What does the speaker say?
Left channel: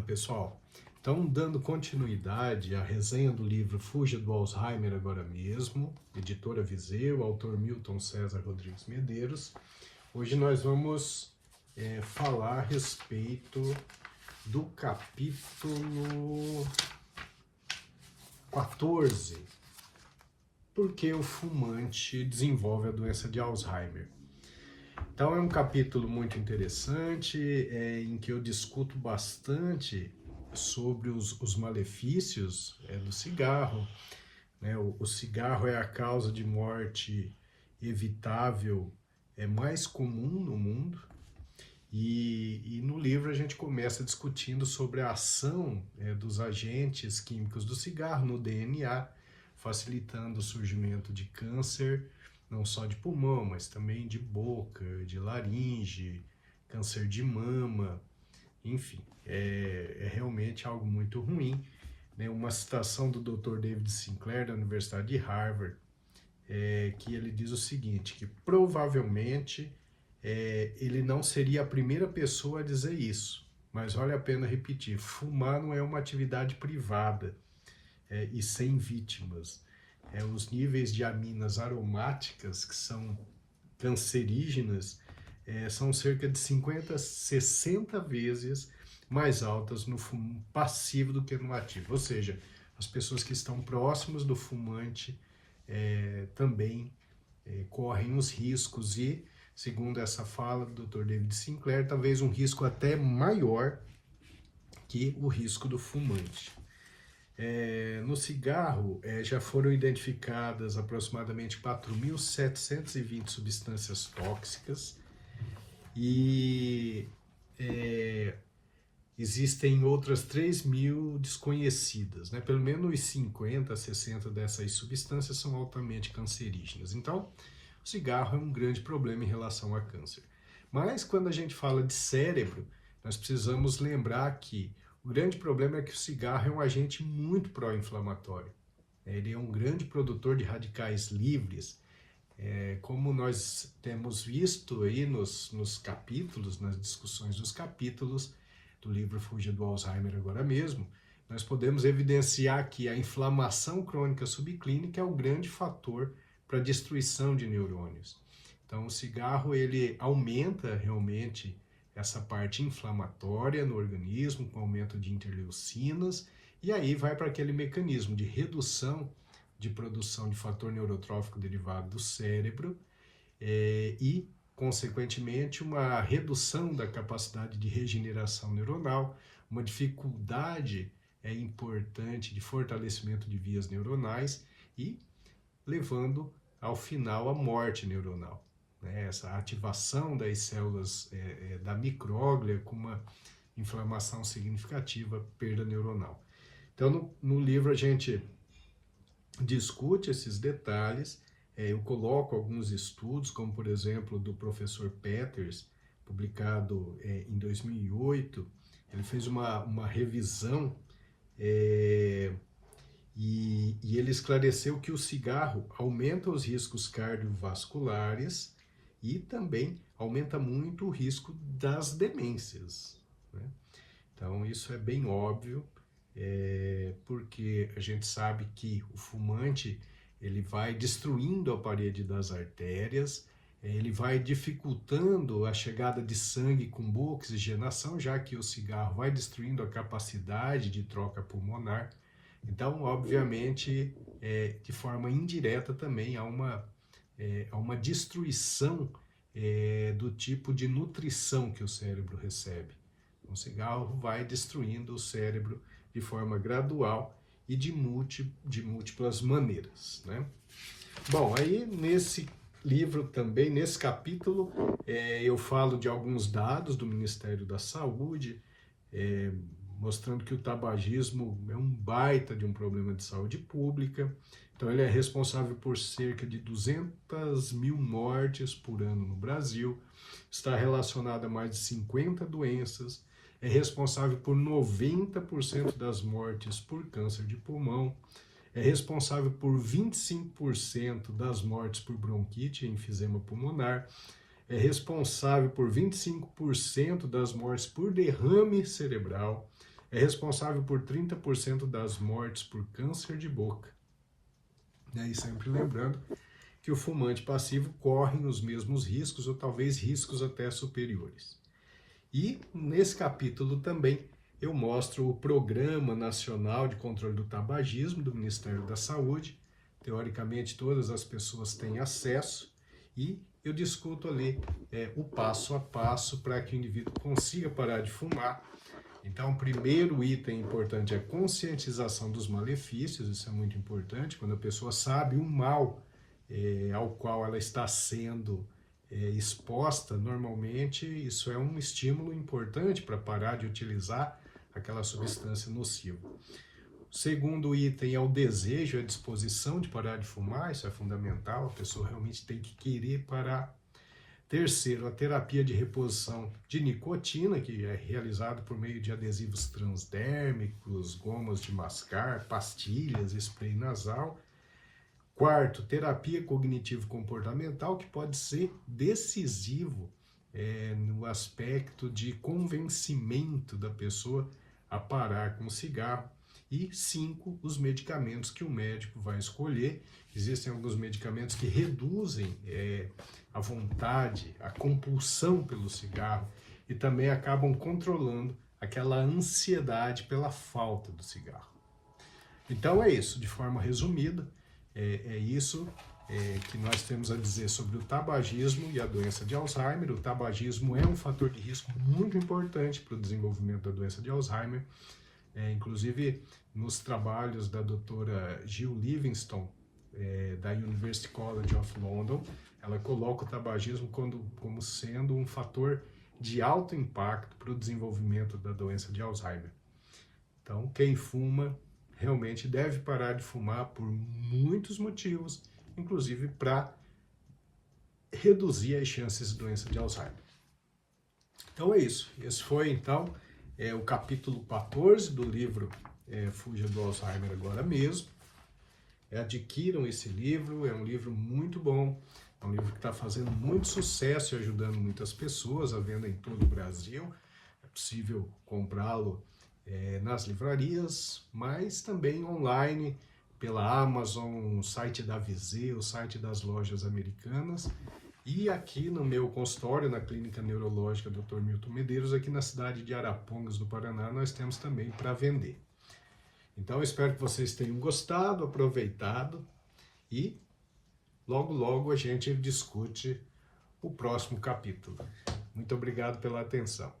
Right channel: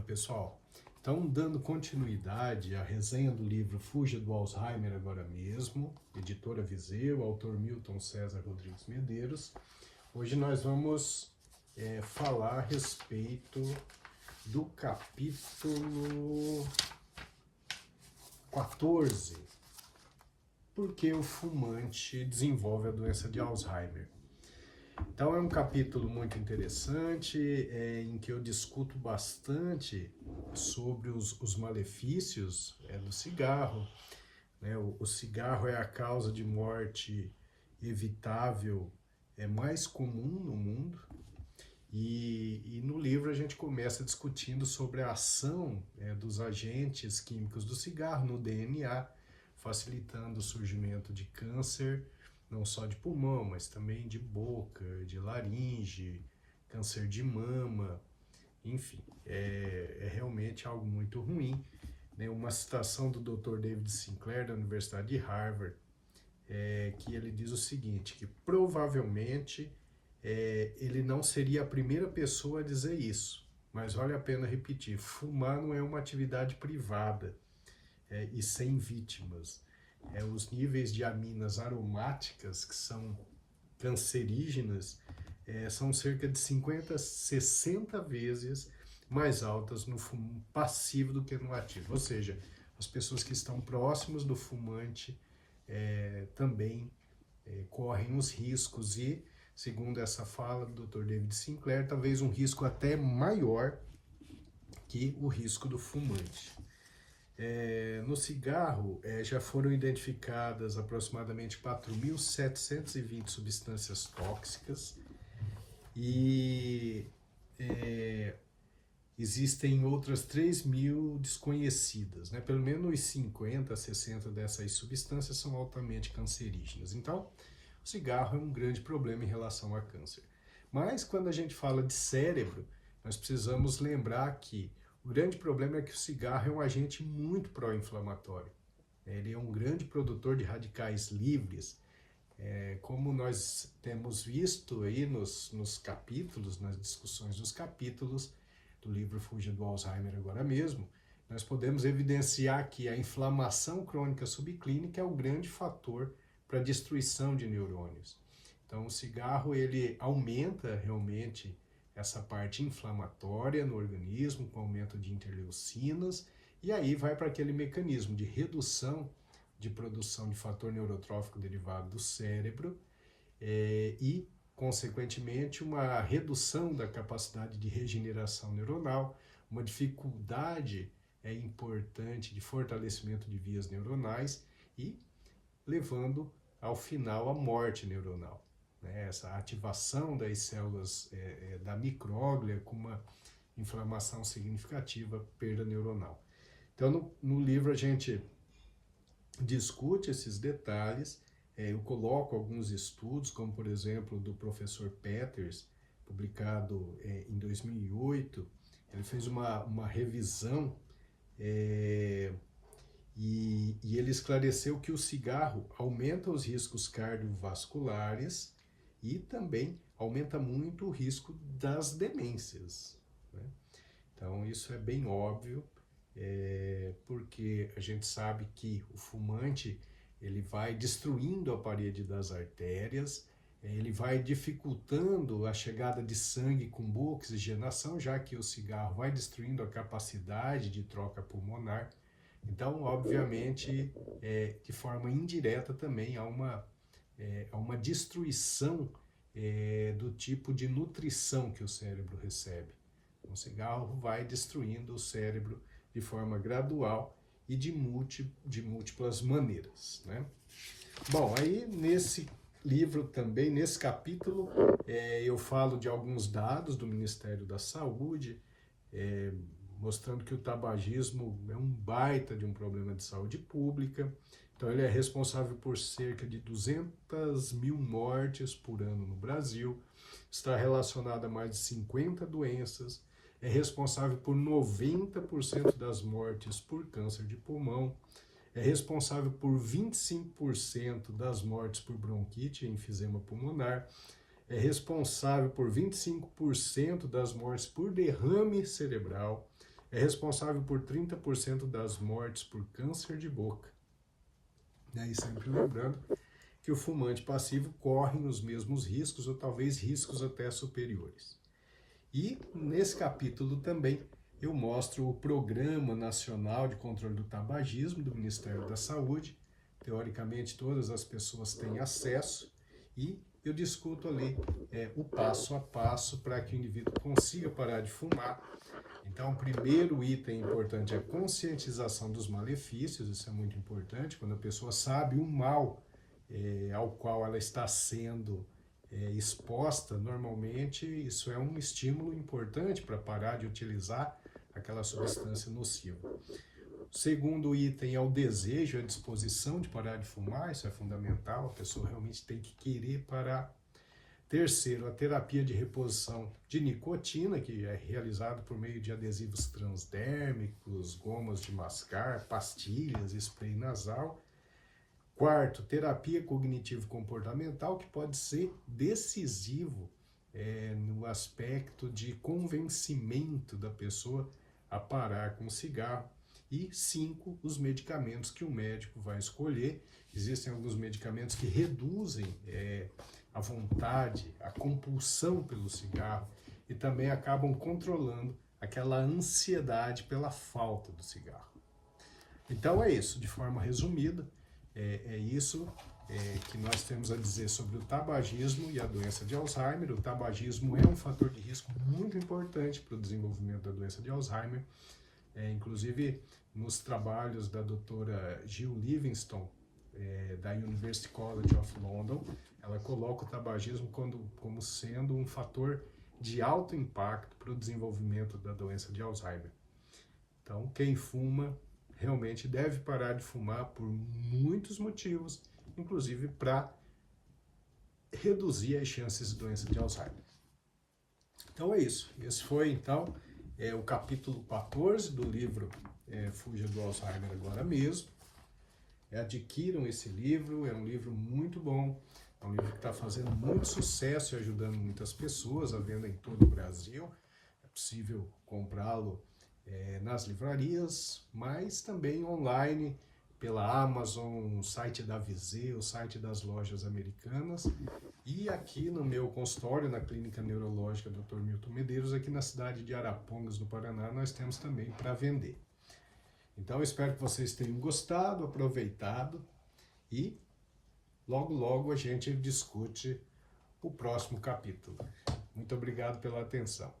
Fala pessoal, então dando continuidade à resenha do livro Fuja do Alzheimer Agora Mesmo, editora Viseu, autor Milton César Rodrigues Medeiros. Hoje nós vamos falar a respeito do capítulo 14, por que o fumante desenvolve a doença de Alzheimer. Então é um capítulo muito interessante, em que eu discuto bastante sobre os malefícios do cigarro. Né? O cigarro é a causa de morte evitável mais comum no mundo. E no livro a gente começa discutindo sobre a ação dos agentes químicos do cigarro no DNA, facilitando o surgimento de câncer, não só de pulmão, mas também de boca, de laringe, câncer de mama, enfim, é realmente algo muito ruim. Né? Uma citação do Dr. David Sinclair, da Universidade de Harvard, que ele diz o seguinte, que provavelmente ele não seria a primeira pessoa a dizer isso, mas vale a pena repetir, fumar não é uma atividade privada e sem vítimas. Os níveis de aminas aromáticas, que são cancerígenas, são cerca de 50 a 60 vezes mais altas no fumo passivo do que no ativo. Ou seja, as pessoas que estão próximas do fumante também correm os riscos e, segundo essa fala do Dr. David Sinclair, talvez um risco até maior que o risco do fumante. No cigarro, já foram identificadas aproximadamente 4.720 substâncias tóxicas e existem outras 3.000 desconhecidas, né? Pelo menos 50 a 60 dessas substâncias são altamente cancerígenas. Então, o cigarro é um grande problema em relação a câncer. Mas quando a gente fala de cérebro, nós precisamos lembrar que o grande problema é que o cigarro é um agente muito pró-inflamatório. Ele é um grande produtor de radicais livres, como nós temos visto aí nos capítulos, nas discussões dos capítulos do livro Fuja do Alzheimer Agora Mesmo, nós podemos evidenciar que a inflamação crônica subclínica é um grande fator para a destruição de neurônios. Então o cigarro ele aumenta realmente essa parte inflamatória no organismo, com aumento de interleucinas, e aí vai para aquele mecanismo de redução de produção de fator neurotrófico derivado do cérebro e, consequentemente, uma redução da capacidade de regeneração neuronal, uma dificuldade importante de fortalecimento de vias neuronais e levando ao final a morte neuronal. Essa ativação das células da micróglia com uma inflamação significativa, perda neuronal. Então, no livro a gente discute esses detalhes, eu coloco alguns estudos, como por exemplo do professor Peters, publicado em 2008, ele fez uma revisão e ele esclareceu que o cigarro aumenta os riscos cardiovasculares e também aumenta muito o risco das demências. Né? Então isso é bem óbvio, porque a gente sabe que o fumante ele vai destruindo a parede das artérias, ele vai dificultando a chegada de sangue com boa oxigenação, já que o cigarro vai destruindo a capacidade de troca pulmonar. Então, obviamente, de forma indireta também há uma destruição do tipo de nutrição que o cérebro recebe. O cigarro vai destruindo o cérebro de forma gradual e de múltiplas maneiras. Né? Bom, aí nesse livro também, nesse capítulo, eu falo de alguns dados do Ministério da Saúde, mostrando que o tabagismo é um baita de um problema de saúde pública. Então ele é responsável por cerca de 200.000 mortes por ano no Brasil, está relacionado a mais de 50 doenças, é responsável por 90% das mortes por câncer de pulmão, é responsável por 25% das mortes por bronquite e enfisema pulmonar, é responsável por 25% das mortes por derrame cerebral, é responsável por 30% das mortes por câncer de boca. E sempre lembrando que o fumante passivo corre os mesmos riscos, ou talvez riscos até superiores. E nesse capítulo também eu mostro o Programa Nacional de Controle do Tabagismo do Ministério da Saúde. Teoricamente, todas as pessoas têm acesso, e eu discuto ali o passo a passo para que o indivíduo consiga parar de fumar. Então, o primeiro item importante é a conscientização dos malefícios. Isso é muito importante. Quando a pessoa sabe o mal ao qual ela está sendo exposta, normalmente isso é um estímulo importante para parar de utilizar aquela substância nociva. O segundo item é o desejo, a disposição de parar de fumar. Isso é fundamental, a pessoa realmente tem que querer parar. Terceiro, a terapia de reposição de nicotina, que é realizada por meio de adesivos transdérmicos, gomas de mascar, pastilhas, spray nasal. Quarto, terapia cognitivo-comportamental, que pode ser decisivo no aspecto de convencimento da pessoa a parar com o cigarro. E 5, os medicamentos que o médico vai escolher. Existem alguns medicamentos que reduzem a vontade, a compulsão pelo cigarro, e também acabam controlando aquela ansiedade pela falta do cigarro. Então é isso, de forma resumida, é isso que nós temos a dizer sobre o tabagismo e a doença de Alzheimer. O tabagismo é um fator de risco muito importante para o desenvolvimento da doença de Alzheimer. Inclusive, nos trabalhos da doutora Jill Livingston, da University College of London, ela coloca o tabagismo como sendo um fator de alto impacto para o desenvolvimento da doença de Alzheimer. Então, quem fuma realmente deve parar de fumar por muitos motivos, inclusive para reduzir as chances de doença de Alzheimer. Então é isso. Esse foi, então, o capítulo 14 do livro Fuja do Alzheimer Agora Mesmo. Adquiram esse livro, é um livro muito bom, é um livro que está fazendo muito sucesso e ajudando muitas pessoas, à venda em todo o Brasil. É possível comprá-lo nas livrarias, mas também online, pela Amazon, o site da Viseu, o site das lojas americanas. E aqui no meu consultório, na Clínica Neurológica Dr. Milton Medeiros, aqui na cidade de Arapongas, no Paraná, nós temos também para vender. Então, espero que vocês tenham gostado, aproveitado, e logo, logo a gente discute o próximo capítulo. Muito obrigado pela atenção.